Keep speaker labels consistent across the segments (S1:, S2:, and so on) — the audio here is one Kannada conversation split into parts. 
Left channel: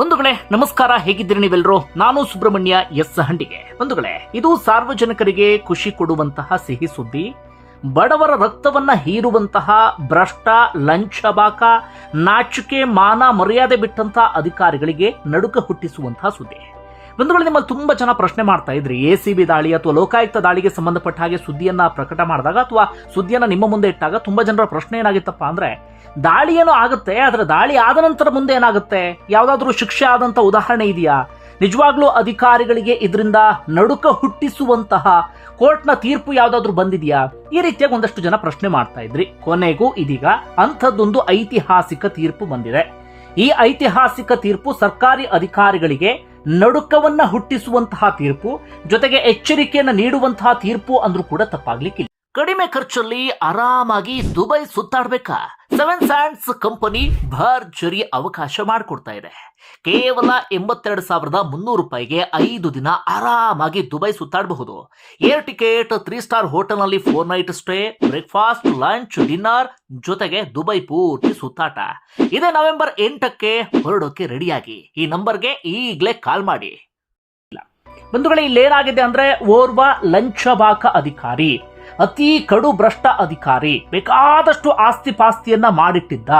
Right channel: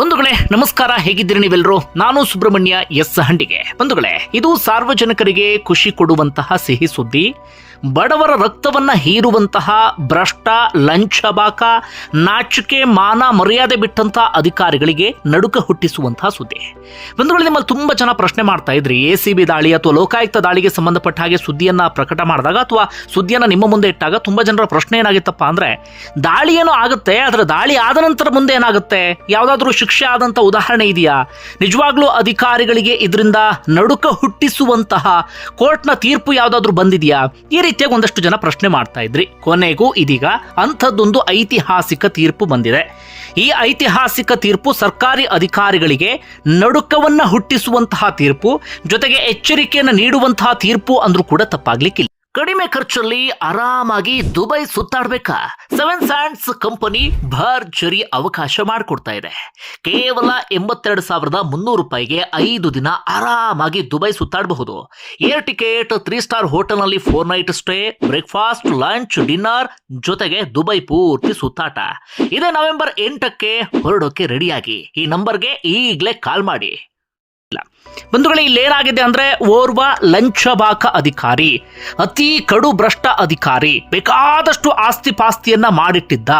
S1: ಬಂಧುಗಳೇ, ನಮಸ್ಕಾರ. ಹೇಗಿದ್ದೀರಿ ನೀವೆಲ್ಲರೂ ನಾನು ಸುಬ್ರಹ್ಮಣ್ಯ ಎಸ್ ಹಂಡಿಗೆ. ಬಂಧುಗಳೇ, ಇದು ಸಾರ್ವಜನಿಕರಿಗೆ ಖುಷಿ ಕೊಡುವಂತಹ ಸಿಹಿ ಸುದ್ದಿ. ಬಡವರ ರಕ್ತವನ್ನ ಹೀರುವಂತಹ ಭ್ರಷ್ಟ, ಲಂಚಬಾಕ, ನಾಚಿಕೆ, ಮಾನ ಮರ್ಯಾದೆ ಬಿಟ್ಟಂತಹ ಅಧಿಕಾರಿಗಳಿಗೆ ನಡುಕ ಹುಟ್ಟಿಸುವಂತಹ ಸುದ್ದಿ. ಬಂಧುಗಳು, ನಿಮ್ಮಲ್ಲಿ ತುಂಬಾ ಜನ ಪ್ರಶ್ನೆ ಮಾಡ್ತಾ ಇದ್ರಿ. ಎ ಸಿ ಬಿ ದಾಳಿ ಅಥವಾ ಲೋಕಾಯುಕ್ತ ದಾಳಿಗೆ ಸಂಬಂಧಪಟ್ಟ ಹಾಗೆ ಸುದ್ದಿಯನ್ನ ಪ್ರಕಟ ಮಾಡಿದಾಗ ಅಥವಾ ಸುದ್ದಿಯನ್ನ ನಿಮ್ಮ ಮುಂದೆ ಇಟ್ಟಾಗ ತುಂಬಾ ಜನರ ಪ್ರಶ್ನೆ ಏನಾಗಿತ್ತಪ್ಪ ಅಂದ್ರೆ, ದಾಳಿ ಏನೋ ಆಗುತ್ತೆ ಅದರ ದಾಳಿ ಆದ ನಂತರ ಮುಂದೆ ಏನಾಗುತ್ತೆ? ಯಾವುದಾದ್ರೂ ಶಿಕ್ಷೆ ಆದಂತ ಉದಾಹರಣೆ ಇದೆಯಾ? ನಿಜವಾಗ್ಲೂ ಅಧಿಕಾರಿಗಳಿಗೆ ಇದರಿಂದ ನಡುಕ ಹುಟ್ಟಿಸುವಂತಹ ಕೋರ್ಟ್ನ ತೀರ್ಪು ಯಾವುದಾದ್ರೂ ಬಂದಿದೆಯಾ? ಈ ರೀತಿಯಾಗಿ ಒಂದಷ್ಟು ಜನ ಪ್ರಶ್ನೆ ಮಾಡ್ತಾ ಇದ್ರಿ. ಕೊನೆಗೂ ಇದೀಗ ಅಂಥದ್ದೊಂದು ಐತಿಹಾಸಿಕ ತೀರ್ಪು ಬಂದಿದೆ. ಈ ಐತಿಹಾಸಿಕ ತೀರ್ಪು ಸರ್ಕಾರಿ ಅಧಿಕಾರಿಗಳಿಗೆ ನಡುಕವನ್ನ ಹುಟ್ಟಿಸುವಂತಹ ತೀರ್ಪು, ಜೊತೆಗೆ ಎಚ್ಚರಿಕೆಯನ್ನು ನೀಡುವಂತಹ ತೀರ್ಪು ಅಂದ್ರೂ ಕೂಡ ತಪ್ಪಾಗ್ಲಿಕ್ಕಿಲ್ಲ. ಕಡಿಮೆ ಖರ್ಚಲ್ಲಿ ಆರಾಮಾಗಿ ದುಬೈ ಸುತ್ತಾಡ್ಬೇಕಾ? ಸೆವೆನ್ ಸ್ಯಾಂಡ್ಸ್ ಕಂಪನಿ ಭರ್ಜರಿ ಅವಕಾಶ ಮಾಡಿಕೊಡ್ತಾ ಇದೆ. ಕೇವಲ ಎಂಬತ್ತೆರಡು ಸಾವಿರದ ಮುನ್ನೂರು ರೂಪಾಯಿಗೆ ಐದು ದಿನ ಆರಾಮಾಗಿ ದುಬೈ ಸುತ್ತಾಡಬಹುದು. ಏರ್ ಟಿಕೆಟ್ ತ್ರೀ ಸ್ಟಾರ್ ಹೋಟೆಲ್ನಲ್ಲಿ four night stay breakfast lunch dinner ಜೊತೆಗೆ ದುಬೈ ಪೂರ್ತಿ ಸುತ್ತಾಟ. ಇದೇ ನವೆಂಬರ್ ಎಂಟಕ್ಕೆ ಹೊರಡೋಕೆ ರೆಡಿಯಾಗಿ ಈ ನಂಬರ್ಗೆ ಈಗಲೇ ಕಾಲ್ ಮಾಡಿ. ಬಂಧುಗಳೇ ಇಲ್ಲೇನಾಗಿದೆ ಅಂದ್ರೆ ಓರ್ವ ಲಂಚಬಾಕ ಅಧಿಕಾರಿ, ಅತಿ ಕಡು ಭ್ರಷ್ಟ ಅಧಿಕಾರಿ, ಬೇಕಾದಷ್ಟು ಆಸ್ತಿ ಪಾಸ್ತಿಯನ್ನ ಮಾಡಿಟ್ಟಿದ್ದ.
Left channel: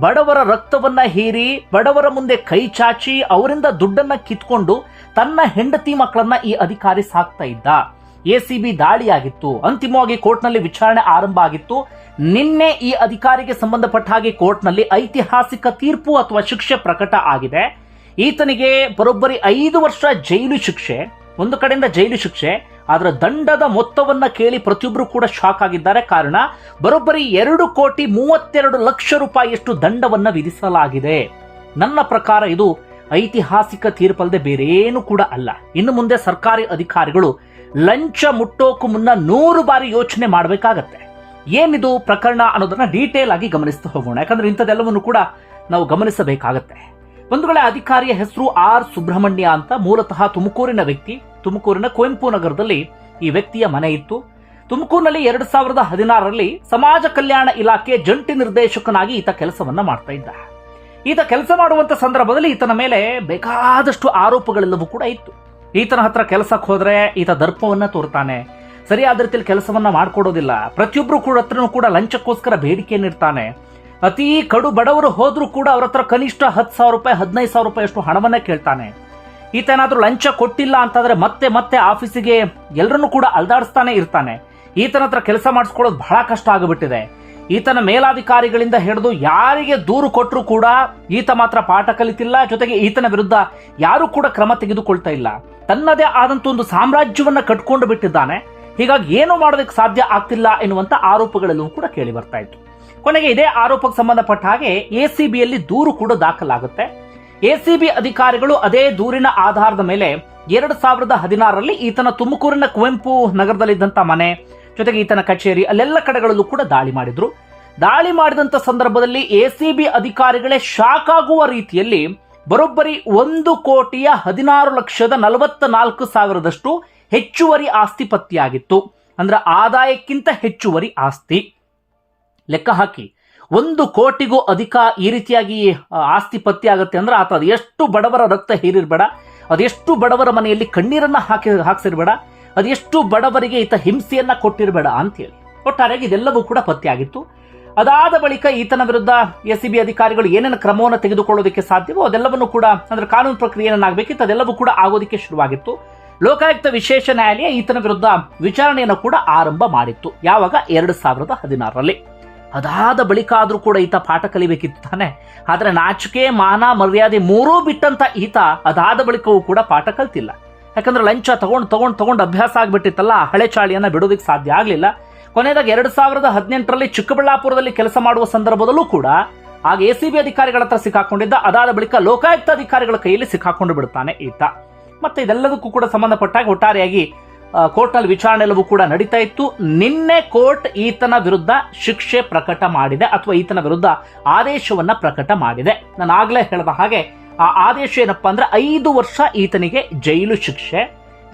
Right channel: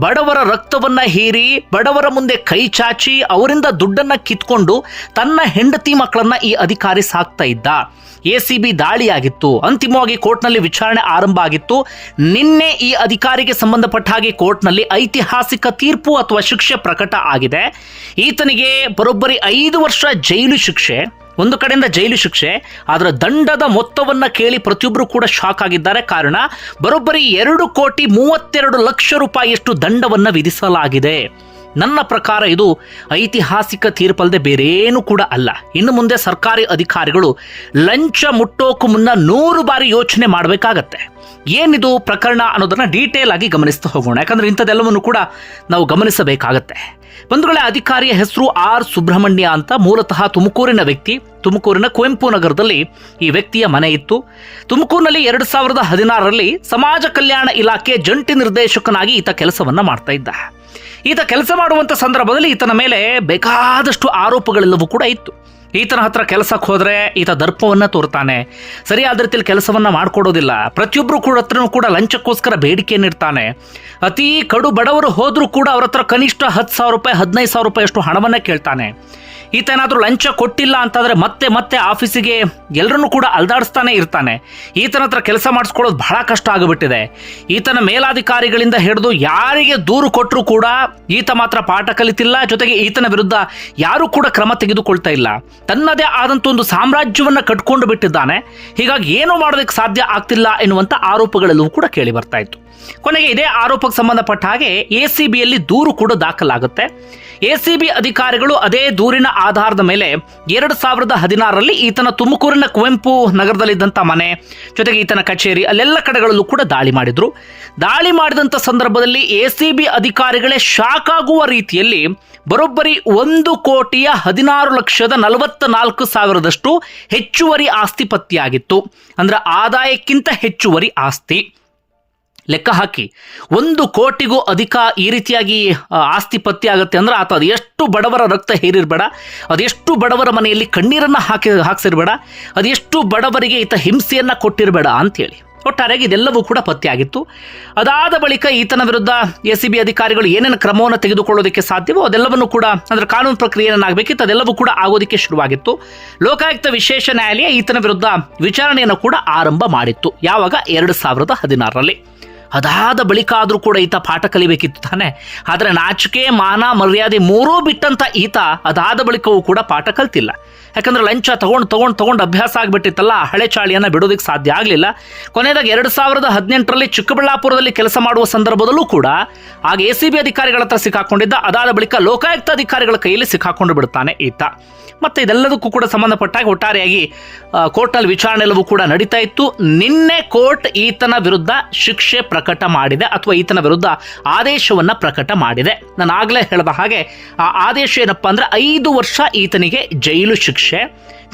S1: ಬಡವರ ರಕ್ತವನ್ನ ಹೀರಿ, ಬಡವರ ಮುಂದೆ ಕೈ ಚಾಚಿ, ಅವರಿಂದ ದುಡ್ಡನ್ನ ಕಿತ್ಕೊಂಡು ತನ್ನ ಹೆಂಡತಿ ಮಕ್ಕಳನ್ನ ಈ ಅಧಿಕಾರಿ ಸಾಕ್ತಾ ಇದ್ದ. ಎ ಸಿ ಬಿ ದಾಳಿಯಾಗಿತ್ತು. ಅಂತಿಮವಾಗಿ ಕೋರ್ಟ್ನಲ್ಲಿ ವಿಚಾರಣೆ ಆರಂಭ ಆಗಿತ್ತು. ನಿನ್ನೆ ಈ ಅಧಿಕಾರಿಗೆ ಸಂಬಂಧಪಟ್ಟ ಹಾಗೆ ಕೋರ್ಟ್ನಲ್ಲಿ ಐತಿಹಾಸಿಕ ತೀರ್ಪು ಅಥವಾ ಶಿಕ್ಷೆ ಪ್ರಕಟ ಆಗಿದೆ. ಈತನಿಗೆ ಬರೋಬ್ಬರಿ ಐದು ವರ್ಷ ಜೈಲು ಶಿಕ್ಷೆ, ಒಂದು ಕಡೆಯಿಂದ ಜೈಲು ಶಿಕ್ಷೆ, ಅದರ ದಂಡದ ಮೊತ್ತವನ್ನು ಕೇಳಿ ಪ್ರತಿಯೊಬ್ಬರು ಕೂಡ ಶಾಕ್ ಆಗಿದ್ದಾರೆ. ಕಾರಣ, ಬರೋಬ್ಬರಿ ಎರಡು ಕೋಟಿ ಮೂವತ್ತೆರಡು ಲಕ್ಷ ರೂಪಾಯಿಯಷ್ಟು ದಂಡವನ್ನು ವಿಧಿಸಲಾಗಿದೆ. ನನ್ನ ಪ್ರಕಾರ ಇದು ಐತಿಹಾಸಿಕ ತೀರ್ಪಲ್ಲದೆ ಬೇರೇನು ಕೂಡ ಅಲ್ಲ. ಇನ್ನು ಮುಂದೆ ಸರ್ಕಾರಿ ಅಧಿಕಾರಿಗಳು ಲಂಚ ಮುಟ್ಟೋಕು ಮುನ್ನ ನೂರು ಬಾರಿ ಯೋಚನೆ ಮಾಡಬೇಕಾಗತ್ತೆ. ಏನಿದು ಪ್ರಕರಣ ಅನ್ನೋದನ್ನು ಡೀಟೇಲ್ ಆಗಿ ಗಮನಿಸ್ತಾ ಹೋಗೋಣ. ಯಾಕಂದ್ರೆ ಇಂಥದ್ದೆಲ್ಲವನ್ನು ಕೂಡ ನಾವು ಗಮನಿಸಬೇಕಾಗತ್ತೆ. ಬಂಧುಗಳ, ಅಧಿಕಾರಿಯ ಹೆಸರು ಆರ್ ಸುಬ್ರಹ್ಮಣ್ಯ ಅಂತ ಮೂಲತಃ ತುಮಕೂರಿನ ವ್ಯಕ್ತಿ. ತುಮಕೂರಿನ ಕುವೆಂಪು ನಗರದಲ್ಲಿ ಈ ವ್ಯಕ್ತಿಯ ಮನೆ ಇತ್ತು. ತುಮಕೂರಿನಲ್ಲಿ ಎರಡು ಸಾವಿರದ ಹದಿನಾರರಲ್ಲಿ ಸಮಾಜ ಕಲ್ಯಾಣ ಇಲಾಖೆ ಜಂಟಿ ನಿರ್ದೇಶಕನಾಗಿ ಈತ ಕೆಲಸವನ್ನು ಮಾಡ್ತಾ ಇದ್ದ. ಈತ ಕೆಲಸ ಮಾಡುವಂತ ಸಂದರ್ಭದಲ್ಲಿ ಈತನ ಮೇಲೆ ಬೇಕಾದಷ್ಟು ಆರೋಪಗಳೆಲ್ಲವೂ ಕೂಡ ಇತ್ತು. ಈತನ ಹತ್ರ ಕೆಲಸಕ್ಕೆ ಹೋದರೆ ಈತ ದರ್ಪವನ್ನ ತೋರ್ತಾನೆ. ಸರಿಯಾದ ರೀತಿಯಲ್ಲಿ ಕೆಲಸವನ್ನ ಮಾಡಿಕೊಡೋದಿಲ್ಲ. ಪ್ರತಿಯೊಬ್ಬರು ಕೂಡ ಹತ್ರನೂ ಕೂಡ ಲಂಚಕ್ಕೋಸ್ಕರ ಬೇಡಿಕೆಯನ್ನು ಇಡ್ತಾನೆ. ಅತಿ ಕಡು ಬಡವರು ಹೋದರೂ ಕೂಡ ಅವರ ಹತ್ರ ಕನಿಷ್ಠ ಹತ್ತು ಸಾವಿರ ರೂಪಾಯಿ, ಹದಿನೈದು ಸಾವಿರ ರೂಪಾಯಿ ಅಷ್ಟು ಹಣವನ್ನ ಕೇಳ್ತಾನೆ. ಈತ ಏನಾದರೂ ಲಂಚ ಕೊಟ್ಟಿಲ್ಲ ಅಂತಂದ್ರೆ ಮತ್ತೆ ಮತ್ತೆ ಆಫೀಸಿಗೆ ಎಲ್ಲರನ್ನೂ ಕೂಡ ಅಲ್ದಾಡಿಸ್ತಾನೆ ಇರ್ತಾನೆ. ಈತನ ಹತ್ರ ಕೆಲಸ ಮಾಡಿಸ್ಕೊಳ್ಳೋದು ಬಹಳ ಕಷ್ಟ ಆಗಿಬಿಟ್ಟಿದೆ. ಈತನ ಮೇಲಾಧಿಕಾರಿಗಳಿಂದ ಹಿಡಿದು ಯಾರಿಗೆ ದೂರು ಕೊಟ್ಟರೂ ಕೂಡ ಈತ ಮಾತ್ರ ಪಾಠ ಕಲಿತಿಲ್ಲ, ಜೊತೆಗೆ ಈತನ ವಿರುದ್ಧ ಯಾರೂ ಕೂಡ ಕ್ರಮ ತೆಗೆದುಕೊಳ್ತಾ ಇಲ್ಲ. ತನ್ನದೇ ಆದಂಥ ಒಂದು ಸಾಮ್ರಾಜ್ಯವನ್ನ ಕಟ್ಕೊಂಡು ಬಿಟ್ಟಿದ್ದಾನೆ. ಹೀಗಾಗಿ ಏನು ಮಾಡೋದಕ್ಕೆ ಸಾಧ್ಯ ಆಗ್ತಿಲ್ಲ ಎನ್ನುವಂಥ ಆರೋಪಗಳೆಲ್ಲವೂ ಕೂಡ ಕೇಳಿ ಬರ್ತಾ ಇತ್ತು. ಕೊನೆಗೆ ಇದೇ ಆರೋಪಕ್ಕೆ ಸಂಬಂಧಪಟ್ಟ ಹಾಗೆ ಎ ಸಿ ಬಿಯಲ್ಲಿ ದೂರು ಕೂಡ ದಾಖಲಾಗುತ್ತೆ. ಎಸಿಬಿ ಅಧಿಕಾರಿಗಳು ಅದೇ ದೂರಿನ ಆಧಾರದ ಮೇಲೆ ಎರಡು ಸಾವಿರದ ಹದಿನಾರರಲ್ಲಿ ಈತನ ತುಮಕೂರಿನ ಕುವೆಂಪು ನಗರದಲ್ಲಿದ್ದಂಥ ಮನೆ, ಜೊತೆಗೆ ಈತನ ಕಚೇರಿ, ಅಲ್ಲೆಲ್ಲ ಕಡೆಗಳಲ್ಲೂ ಕೂಡ ದಾಳಿ ಮಾಡಿದ್ರು. ದಾಳಿ ಮಾಡಿದಂಥ ಸಂದರ್ಭದಲ್ಲಿ ಎಸಿಬಿ ಅಧಿಕಾರಿಗಳೇ ಶಾಕ್ ಆಗುವ ರೀತಿಯಲ್ಲಿ ಬರೋಬ್ಬರಿ ಒಂದು ಕೋಟಿಯ ಹದಿನಾರು ಲಕ್ಷದ ನಲವತ್ತ ನಾಲ್ಕು ಸಾವಿರದಷ್ಟು ಹೆಚ್ಚುವರಿ ಆಸ್ತಿ ಪತ್ತೆಯಾಗಿತ್ತು. ಅಂದ್ರೆ ಆದಾಯಕ್ಕಿಂತ ಹೆಚ್ಚುವರಿ ಆಸ್ತಿ. ಲೆಕ್ಕ ಹಾಕಿ. ಒಂದು ಕೋಟಿಗೂ ಅಧಿಕ ಈ ರೀತಿಯಾಗಿ ಆಸ್ತಿ ಪತ್ತಿ ಆಗುತ್ತೆ ಅಂದ್ರೆ ಆತ ಅದು ಎಷ್ಟು ಬಡವರ ರಕ್ತ ಹೇರಿರಬೇಡ, ಅದೆಷ್ಟು ಬಡವರ ಮನೆಯಲ್ಲಿ ಕಣ್ಣೀರನ್ನು ಹಾಕಿ, ಹಾಕ್ಸಿರ್ಬೇಡ, ಅದೆಷ್ಟು ಬಡವರಿಗೆ ಈತ ಹಿಂಸೆಯನ್ನು ಕೊಟ್ಟಿರಬೇಡ ಅಂತೇಳಿ ಒಟ್ಟಾರೆಯಾಗಿ ಇದೆಲ್ಲವೂ ಕೂಡ ಪತ್ತೆಯಾಗಿತ್ತು ಅದಾದ ಬಳಿಕ ಈತನ ವಿರುದ್ಧ ಎ ಸಿ ಬಿ ಅಧಿಕಾರಿಗಳು ಏನೇನು ಕ್ರಮವನ್ನು ತೆಗೆದುಕೊಳ್ಳೋದಕ್ಕೆ ಸಾಧ್ಯವೋ ಅದೆಲ್ಲವನ್ನು ಕೂಡ, ಅಂದರೆ ಕಾನೂನು ಪ್ರಕ್ರಿಯೆ ಏನಾಗಬೇಕಿತ್ತು ಅದೆಲ್ಲವೂ ಕೂಡ ಆಗೋದಕ್ಕೆ ಶುರುವಾಗಿತ್ತು. ಲೋಕಾಯುಕ್ತ ವಿಶೇಷ ನ್ಯಾಯಾಲಯ ಈತನ ವಿರುದ್ಧ ವಿಚಾರಣೆಯನ್ನು ಕೂಡ ಆರಂಭ ಮಾಡಿತ್ತು. ಯಾವಾಗ? ಎರಡು ಸಾವಿರದ ಹದಿನಾರರಲ್ಲಿ. ಅದಾದ ಬಳಿಕ ಆದರೂ ಕೂಡ ಈತ ಪಾಠ ಕಲಿಬೇಕಿತ್ತು ತಾನೆ. ಆದರೆ ನಾಚಿಕೆ, ಮಾನ, ಮರ್ಯಾದೆ ಮೂರೂ ಬಿಟ್ಟಂತ ಈತ ಅದಾದ ಬಳಿಕವೂ ಕೂಡ ಪಾಠ ಕಲ್ತಿಲ್ಲ. ಯಾಕಂದ್ರೆ ಲಂಚ ತಗೊಂಡು ತಗೊಂಡು ತಗೊಂಡು ಅಭ್ಯಾಸ ಆಗಿಬಿಟ್ಟಿತ್ತಲ್ಲ, ಹಳೆ ಚಾಳಿಯನ್ನು ಬಿಡೋದಕ್ಕೆ ಸಾಧ್ಯ ಆಗಲಿಲ್ಲ. ಕೊನೆಯದಾಗಿ ಎರಡು ಸಾವಿರದ ಹದಿನೆಂಟರಲ್ಲಿ ಚಿಕ್ಕಬಳ್ಳಾಪುರದಲ್ಲಿ ಕೆಲಸ ಮಾಡುವ ಸಂದರ್ಭದಲ್ಲೂ ಕೂಡ ಆಗ ಎ ಸಿ ಬಿ ಅಧಿಕಾರಿಗಳ ಹತ್ರ ಸಿಕ್ಕಾಕೊಂಡಿದ್ದ, ಅದಾದ ಬಳಿಕ ಲೋಕಾಯುಕ್ತ ಅಧಿಕಾರಿಗಳ ಕೈಯಲ್ಲಿ ಸಿಕ್ಕಾಕೊಂಡು ಬಿಡ್ತಾನೆ ಈತ. ಮತ್ತೆ ಇದೆಲ್ಲದಕ್ಕೂ ಕೂಡ ಸಂಬಂಧಪಟ್ಟಾಗ ಒಟ್ಟಾರೆಯಾಗಿ ಕೋರ್ಟ್ನಲ್ಲಿ ವಿಚಾರಣೆ ಎಲ್ಲವೂ ಕೂಡ ನಡೀತಾ ಇತ್ತು. ನಿನ್ನೆ ಕೋರ್ಟ್ ಈತನ ವಿರುದ್ಧ ಶಿಕ್ಷೆ ಪ್ರಕಟ ಮಾಡಿದೆ ಅಥವಾ ಈತನ ವಿರುದ್ಧ ಆದೇಶವನ್ನ ಪ್ರಕಟ ಮಾಡಿದೆ. ನಾನು ಆಗಲೇ ಹೇಳಿದ ಹಾಗೆ, ಆ ಆದೇಶ ಏನಪ್ಪ ಅಂದ್ರೆ ಐದು ವರ್ಷ ಈತನಿಗೆ ಜೈಲು ಶಿಕ್ಷೆ,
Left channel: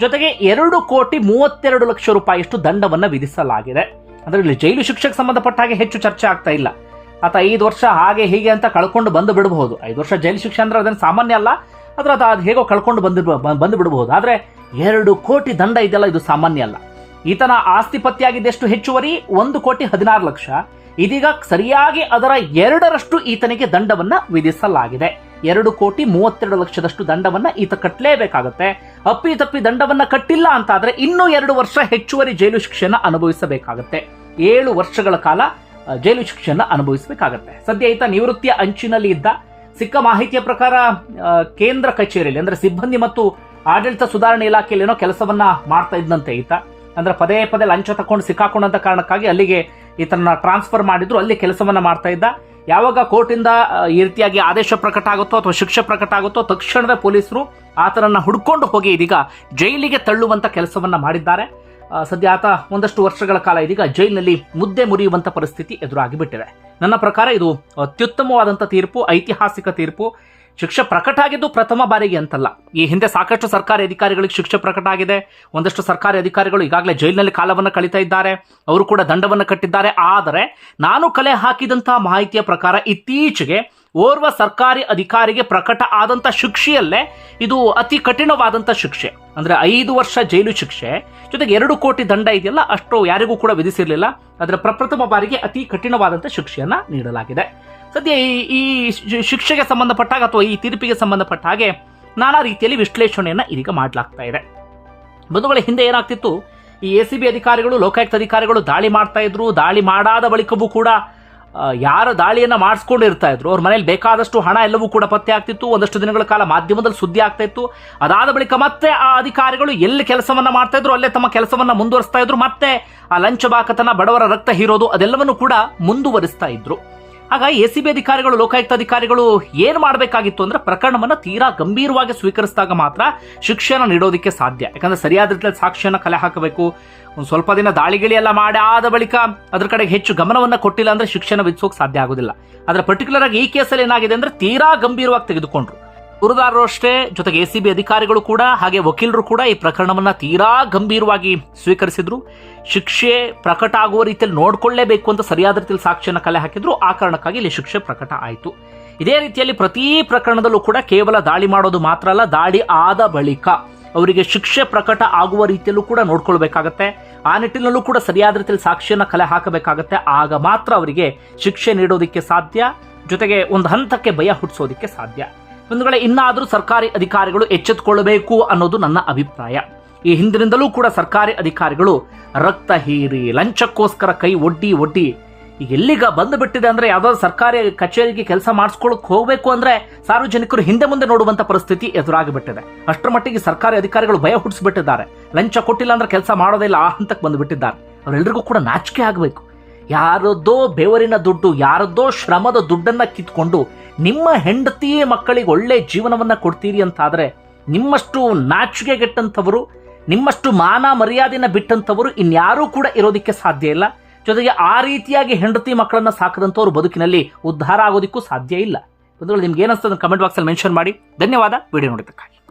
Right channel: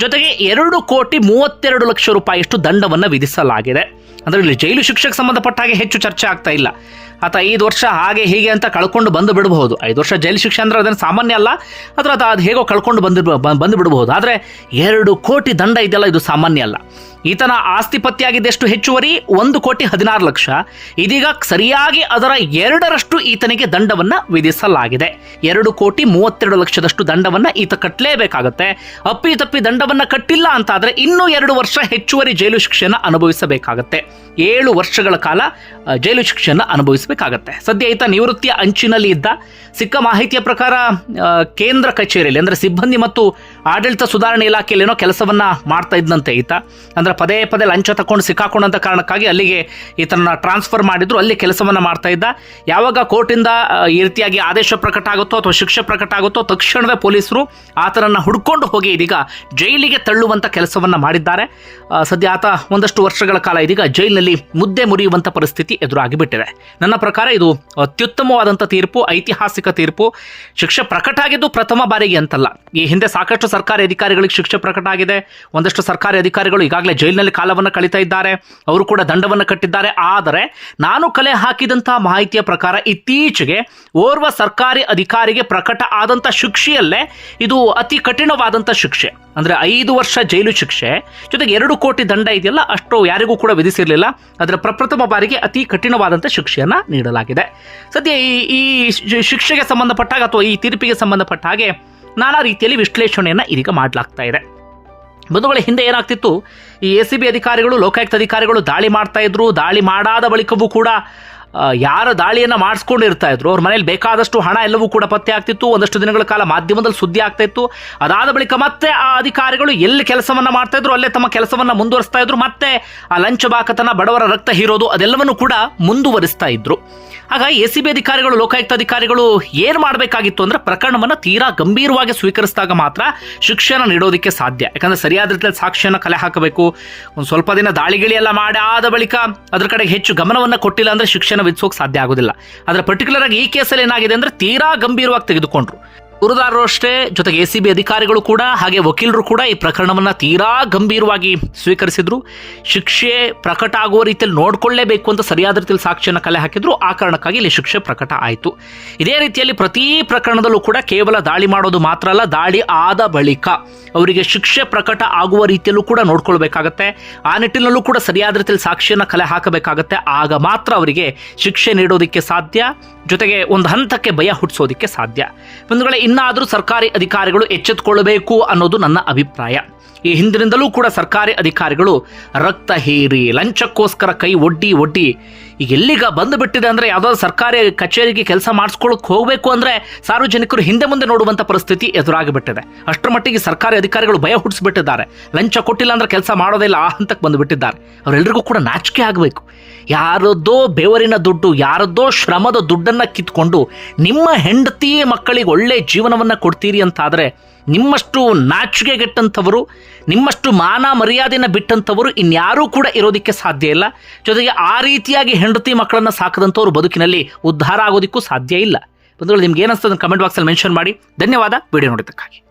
S1: ಜೊತೆಗೆ ಎರಡು ಕೋಟಿ ಮೂವತ್ತೆರಡು ಲಕ್ಷ ರೂಪಾಯಿಯಷ್ಟು ದಂಡವನ್ನು ವಿಧಿಸಲಾಗಿದೆ. ಅಂದರೆ ಇಲ್ಲಿ ಜೈಲು ಶಿಕ್ಷೆಗೆ ಸಂಬಂಧಪಟ್ಟ ಹಾಗೆ ಹೆಚ್ಚು ಚರ್ಚೆ ಆಗ್ತಾ ಇಲ್ಲ. ಆತ ಐದು ವರ್ಷ ಹಾಗೆ ಹೀಗೆ ಅಂತ ಕಳ್ಕೊಂಡು ಬಂದು ಬಿಡಬಹುದು. ಐದು ವರ್ಷ ಜೈಲು ಶಿಕ್ಷೆ ಅಂದ್ರೆ ಅದನ್ನು ಸಾಮಾನ್ಯ ಅಲ್ಲ, ಆದರೆ ಅದು ಅದು ಹೇಗೋ ಕಳ್ಕೊಂಡು ಬಂದು ಬಂದು ಬಿಡಬಹುದು. ಆದರೆ ಎರಡು ಕೋಟಿ ದಂಡ ಇದೆಯಲ್ಲ, ಇದು ಸಾಮಾನ್ಯ ಅಲ್ಲ. ಈತನ ಆಸ್ತಿ ಪತ್ತೆಯಾಗಿದ್ದೆಷ್ಟು ಹೆಚ್ಚುವರಿ? ಒಂದು ಕೋಟಿ ಹದಿನಾರು ಲಕ್ಷ. ಇದೀಗ ಸರಿಯಾಗಿ ಅದರ ಎರಡರಷ್ಟು ಈತನಿಗೆ ದಂಡವನ್ನ ವಿಧಿಸಲಾಗಿದೆ. ಎರಡು ಕೋಟಿ ಮೂವತ್ತೆರಡು ಲಕ್ಷದಷ್ಟು ದಂಡವನ್ನ ಈತ ಕಟ್ಟಲೇಬೇಕಾಗತ್ತೆ ಅಪ್ಪಿ ತಪ್ಪಿ ದಂಡವನ್ನ ಕಟ್ಟಿಲ್ಲ ಅಂತಾದ್ರೆ ಇನ್ನೂ ಎರಡು ವರ್ಷ ಹೆಚ್ಚುವರಿ ಜೈಲು ಶಿಕ್ಷೆಯನ್ನು ಅನುಭವಿಸಬೇಕಾಗತ್ತೆ. ಏಳು ವರ್ಷಗಳ ಕಾಲ ಜೈಲು ಶಿಕ್ಷೆಯನ್ನು ಅನುಭವಿಸಬೇಕಾಗತ್ತೆ. ಸದ್ಯ ಈತ ನಿವೃತ್ತಿಯ ಅಂಚಿನಲ್ಲಿ ಇದ್ದ. ಸಿಕ್ಕ ಮಾಹಿತಿಯ ಪ್ರಕಾರ ಕೇಂದ್ರ ಕಚೇರಿಯಲ್ಲಿ, ಅಂದರೆ ಸಿಬ್ಬಂದಿ ಮತ್ತು ಆಡಳಿತ ಸುಧಾರಣೆ ಇಲಾಖೆಯಲ್ಲಿ ಏನೋ ಕೆಲಸವನ್ನ ಮಾಡ್ತಾ ಇದ್ದಂತೆ ಈತ. ಅಂದ್ರೆ ಪದೇ ಪದೇ ಲಂಚ ತಕೊಂಡು ಸಿಕ್ಕಾಕೊಂಡಂಥ ಕಾರಣಕ್ಕಾಗಿ ಅಲ್ಲಿಗೆ ಈತನ ಟ್ರಾನ್ಸ್ಫರ್ ಮಾಡಿದ್ರು. ಅಲ್ಲಿ ಕೆಲಸವನ್ನು ಮಾಡ್ತಾ ಇದ್ದ. ಯಾವಾಗ ಕೋರ್ಟಿಂದ ಈ ರೀತಿಯಾಗಿ ಆದೇಶ ಪ್ರಕಟ ಆಗುತ್ತೋ ಅಥವಾ ಶಿಕ್ಷೆ ಪ್ರಕಟ ಆಗುತ್ತೋ ತಕ್ಷಣವೇ ಪೊಲೀಸರು ಆತನನ್ನು ಹುಡ್ಕೊಂಡು ಹೋಗಿ ಇದೀಗ ಜೈಲಿಗೆ ತಳ್ಳುವಂಥ ಕೆಲಸವನ್ನು ಮಾಡಿದ್ದಾರೆ. ಸದ್ಯ ಆತ ಒಂದಷ್ಟು ವರ್ಷಗಳ ಕಾಲ ಇದೀಗ ಜೈಲಿನಲ್ಲಿ ಮುದ್ದೆ ಮುರಿಯುವಂತ ಪರಿಸ್ಥಿತಿ ಎದುರಾಗಿಬಿಟ್ಟಿದೆ. ನನ್ನ ಪ್ರಕಾರ ಇದು ಅತ್ಯುತ್ತಮವಾದಂಥ ತೀರ್ಪು, ಐತಿಹಾಸಿಕ ತೀರ್ಪು. ಶಿಕ್ಷೆ ಪ್ರಕಟ ಆಗಿದ್ದು ಪ್ರಥಮ ಬಾರಿಗೆ ಅಂತಲ್ಲ. ಈ ಹಿಂದೆ ಸಾಕಷ್ಟು ಸರ್ಕಾರಿ ಅಧಿಕಾರಿಗಳಿಗೆ ಶಿಕ್ಷೆ ಪ್ರಕಟ ಆಗಿದೆ. ಒಂದಷ್ಟು ಸರ್ಕಾರಿ ಅಧಿಕಾರಿಗಳು ಈಗಾಗಲೇ ಜೈಲಿನಲ್ಲಿ ಕಾಲವನ್ನು ಕಳೀತಾ ಇದ್ದಾರೆ. ಅವರು ಕೂಡ ದಂಡವನ್ನು ಕಟ್ಟಿದ್ದಾರೆ. ಆದರೆ ನಾನು ಕಲೆ ಹಾಕಿದಂಥ ಮಾಹಿತಿಯ ಪ್ರಕಾರ ಇತ್ತೀಚೆಗೆ ಓರ್ವ ಸರ್ಕಾರಿ ಅಧಿಕಾರಿಗೆ ಪ್ರಕಟ ಆದಂಥ ಶಿಕ್ಷೆಯಲ್ಲೇ ಇದು ಅತಿ ಕಠಿಣವಾದಂಥ ಶಿಕ್ಷೆ. ಅಂದರೆ ಐದು ವರ್ಷ ಜೈಲು ಶಿಕ್ಷೆ, ಜೊತೆಗೆ ಎರಡು ಕೋಟಿ ದಂಡ ಇದೆಯಲ್ಲ, ಅಷ್ಟು ಯಾರಿಗೂ ಕೂಡ ವಿಧಿಸಿರಲಿಲ್ಲ. ಅದರ ಪ್ರಪ್ರಥಮ ಬಾರಿಗೆ ಅತಿ ಕಠಿಣವಾದಂಥ ಶಿಕ್ಷೆಯನ್ನು ನೀಡಲಾಗಿದೆ. ಸದ್ಯ ಈ ಈ ಶಿಕ್ಷೆಗೆ ಸಂಬಂಧಪಟ್ಟಾಗ ಅಥವಾ ಈ ತೀರ್ಪಿಗೆ ಸಂಬಂಧಪಟ್ಟ ಹಾಗೆ ನಾನಾ ರೀತಿಯಲ್ಲಿ ವಿಶ್ಲೇಷಣೆಯನ್ನು ಇದೀಗ ಮಾಡಲಾಗ್ತಾ ಇದೆ. ಬಂಧುಗಳ, ಹಿಂದೆ ಏನಾಗ್ತಿತ್ತು? ಈ ಎ ಸಿ ಬಿ ಅಧಿಕಾರಿಗಳು, ಲೋಕಾಯುಕ್ತ ಅಧಿಕಾರಿಗಳು ದಾಳಿ ಮಾಡ್ತಾ ಇದ್ರು. ದಾಳಿ ಮಾಡಾದ ಬಳಿಕವೂ ಕೂಡ ಯಾರ ದಾಳಿಯನ್ನು ಮಾಡಿಸ್ಕೊಂಡಿರ್ತಾ ಇದ್ರು, ಅವ್ರ ಮನೇಲಿ ಬೇಕಾದಷ್ಟು ಹಣ ಎಲ್ಲವೂ ಕೂಡ ಪತ್ತೆ ಆಗ್ತಿತ್ತು. ಒಂದಷ್ಟು ದಿನಗಳ ಕಾಲ ಮಾಧ್ಯಮದಲ್ಲಿ ಸುದ್ದಿ ಆಗ್ತಾ ಇತ್ತು. ಅದಾದ ಬಳಿಕ ಮತ್ತೆ ಆ ಅಧಿಕಾರಿಗಳು ಎಲ್ಲಿ ಕೆಲಸವನ್ನು ಮಾಡ್ತಾ ಇದ್ರು, ಅಲ್ಲೇ ತಮ್ಮ ಕೆಲಸವನ್ನು ಮುಂದುವರಿಸ್ತಾ ಇದ್ರು, ಮತ್ತೆ ಆ ಲಂಚ ಬಾಕತನ ಬಡವರ ರಕ್ತ ಹೀರೋದು ಅದೆಲ್ಲವನ್ನು ಕೂಡ ಮುಂದುವರಿಸ್ತಾ ಇದ್ರು. ಆಗ ಎ ಸಿ ಬಿ ಅಧಿಕಾರಿಗಳು, ಲೋಕಾಯುಕ್ತ ಅಧಿಕಾರಿಗಳು ಏನು ಮಾಡಬೇಕಾಗಿತ್ತು ಅಂದ್ರೆ ಪ್ರಕರಣವನ್ನು ತೀರಾ ಗಂಭೀರವಾಗಿ ಸ್ವೀಕರಿಸಿದಾಗ ಮಾತ್ರ ಶಿಕ್ಷಣ ನೀಡೋದಕ್ಕೆ ಸಾಧ್ಯ. ಯಾಕಂದ್ರೆ ಸರಿಯಾದ ರೀತಿಯಲ್ಲಿ ಸಾಕ್ಷಿಯನ್ನು ಕಲೆ ಹಾಕಬೇಕು. ಒಂದು ಸ್ವಲ್ಪ ದಿನ ದಾಳಿಗಿಳಿ ಎಲ್ಲ ಮಾಡಿ ಆದ ಬಳಿಕ ಅದ್ರ ಕಡೆಗೆ ಹೆಚ್ಚು ಗಮನವನ್ನು ಕೊಟ್ಟಿಲ್ಲ ಅಂದ್ರೆ ಶಿಕ್ಷಣ ವಿಧಿಸೋಕೆ ಸಾಧ್ಯ ಆಗೋದಿಲ್ಲ. ಆದರೆ ಪರ್ಟಿಕ್ಯುಲರ್ ಆಗಿ ಈ ಕೇಸಲ್ಲಿ ಏನಾಗಿದೆ ಅಂದ್ರೆ ತೀರಾ ಗಂಭೀರವಾಗಿ ತೆಗೆದುಕೊಂಡ್ರು. ಗುರುದಾರರು ಅಷ್ಟೇ ಜೊತೆಗೆ ಎ ಅಧಿಕಾರಿಗಳು ಕೂಡ, ಹಾಗೆ ವಕೀಲರು ಕೂಡ ಈ ಪ್ರಕರಣವನ್ನು ತೀರಾ ಗಂಭೀರವಾಗಿ ಸ್ವೀಕರಿಸಿದ್ರು. ಶಿಕ್ಷೆ ಪ್ರಕಟ ಆಗುವ ರೀತಿಯಲ್ಲಿ ನೋಡ್ಕೊಳ್ಳೇಬೇಕು ಅಂತ ಸರಿಯಾದ ರೀತಿಯಲ್ಲಿ ಸಾಕ್ಷಿಯನ್ನು ಕಲೆ ಹಾಕಿದ್ರು. ಆ ಕಾರಣಕ್ಕಾಗಿ ಇಲ್ಲಿ ಶಿಕ್ಷೆ ಪ್ರಕಟ ಆಯಿತು. ಇದೇ ರೀತಿಯಲ್ಲಿ ಪ್ರತಿ ಪ್ರಕರಣದಲ್ಲೂ ಕೂಡ ಕೇವಲ ದಾಳಿ ಮಾಡೋದು ಮಾತ್ರ ಅಲ್ಲ, ದಾಳಿ ಆದ ಬಳಿಕ ಅವರಿಗೆ ಶಿಕ್ಷೆ ಪ್ರಕಟ ಆಗುವ ರೀತಿಯಲ್ಲೂ ಕೂಡ ನೋಡ್ಕೊಳ್ಬೇಕಾಗತ್ತೆ. ಆ ನಿಟ್ಟಿನಲ್ಲೂ ಕೂಡ ಸರಿಯಾದ ರೀತಿಯಲ್ಲಿ ಸಾಕ್ಷಿಯನ್ನು ಕಲೆ ಹಾಕಬೇಕಾಗತ್ತೆ. ಆಗ ಮಾತ್ರ ಅವರಿಗೆ ಶಿಕ್ಷೆ ನೀಡೋದಕ್ಕೆ ಸಾಧ್ಯ, ಜೊತೆಗೆ ಒಂದು ಹಂತಕ್ಕೆ ಭಯ ಹುಟ್ಟಿಸೋದಕ್ಕೆ ಸಾಧ್ಯ. ಒಂದು ಇನ್ನಾದರೂ ಸರ್ಕಾರಿ ಅಧಿಕಾರಿಗಳು ಎಚ್ಚೆತ್ತುಕೊಳ್ಳಬೇಕು ಅನ್ನೋದು ನನ್ನ ಅಭಿಪ್ರಾಯ. ಈ ಹಿಂದಿನಿಂದಲೂ ಕೂಡ ಸರ್ಕಾರಿ ಅಧಿಕಾರಿಗಳು ರಕ್ತ ಹೀರಿ, ಲಂಚಕ್ಕೋಸ್ಕರ ಕೈ ಒಡ್ಡಿ ಒಡ್ಡಿ ಈಗ ಎಲ್ಲಿಗ ಬಂದು ಬಿಟ್ಟಿದೆ ಅಂದರೆ ಯಾವುದಾದ್ರು ಸರ್ಕಾರಿ ಕಚೇರಿಗೆ ಕೆಲಸ ಮಾಡಿಸ್ಕೊಳ್ಳೋಕೆ ಹೋಗಬೇಕು ಅಂದರೆ ಸಾರ್ವಜನಿಕರು ಹಿಂದೆ ಮುಂದೆ ನೋಡುವಂಥ ಪರಿಸ್ಥಿತಿ ಎದುರಾಗಿಬಿಟ್ಟಿದೆ. ಅಷ್ಟರ ಮಟ್ಟಿಗೆ ಸರ್ಕಾರಿ ಅಧಿಕಾರಿಗಳು ಭಯ ಹುಟ್ಟಿಸ್ಬಿಟ್ಟಿದ್ದಾರೆ. ಲಂಚ ಕೊಟ್ಟಿಲ್ಲ ಅಂದರೆ ಕೆಲಸ ಮಾಡೋದಿಲ್ಲ ಆ ಹಂತಕ್ಕೆ ಬಂದುಬಿಟ್ಟಿದ್ದಾರೆ. ಅವರೆಲ್ಲರಿಗೂ ಕೂಡ ನಾಚಿಕೆ ಆಗಬೇಕು. ಯಾರದ್ದೋ ಬೆವರಿನ ದುಡ್ಡು, ಯಾರದ್ದೋ ಶ್ರಮದ ದುಡ್ಡನ್ನು ಕಿತ್ಕೊಂಡು ನಿಮ್ಮ ಹೆಂಡತಿ ಮಕ್ಕಳಿಗೆ ಒಳ್ಳೆ ಜೀವನವನ್ನು ಕೊಡ್ತೀರಿ ಅಂತಾದರೆ ನಿಮ್ಮಷ್ಟು ನಾಚಿಕೆಗೆಟ್ಟಂಥವರು ನಿಮ್ಮಷ್ಟು ಮಾನ ಮರ್ಯಾದೆನ ಬಿಟ್ಟಂಥವರು ಇನ್ಯಾರೂ ಕೂಡ ಇರೋದಕ್ಕೆ ಸಾಧ್ಯ ಇಲ್ಲ. ಜೊತೆಗೆ ಆ ರೀತಿಯಾಗಿ ಹೆಂಡತಿ ಮಕ್ಕಳನ್ನು ಸಾಕದಂಥವ್ರು ಬದುಕಿನಲ್ಲಿ ಉದ್ಧಾರ ಆಗೋದಕ್ಕೂ ಸಾಧ್ಯ ಇಲ್ಲ. ಬಂಧುಗಳು, ನಿಮ್ಗೆ ಏನಿಸ್ತದೆ ಕಮೆಂಟ್ ಬಾಕ್ಸಲ್ಲಿ ಮೆನ್ಷನ್ ಮಾಡಿ. ಧನ್ಯವಾದ. ವಿಡಿಯೋ ನೋಡಿದ್ದಕ್ಕಾಗಿ.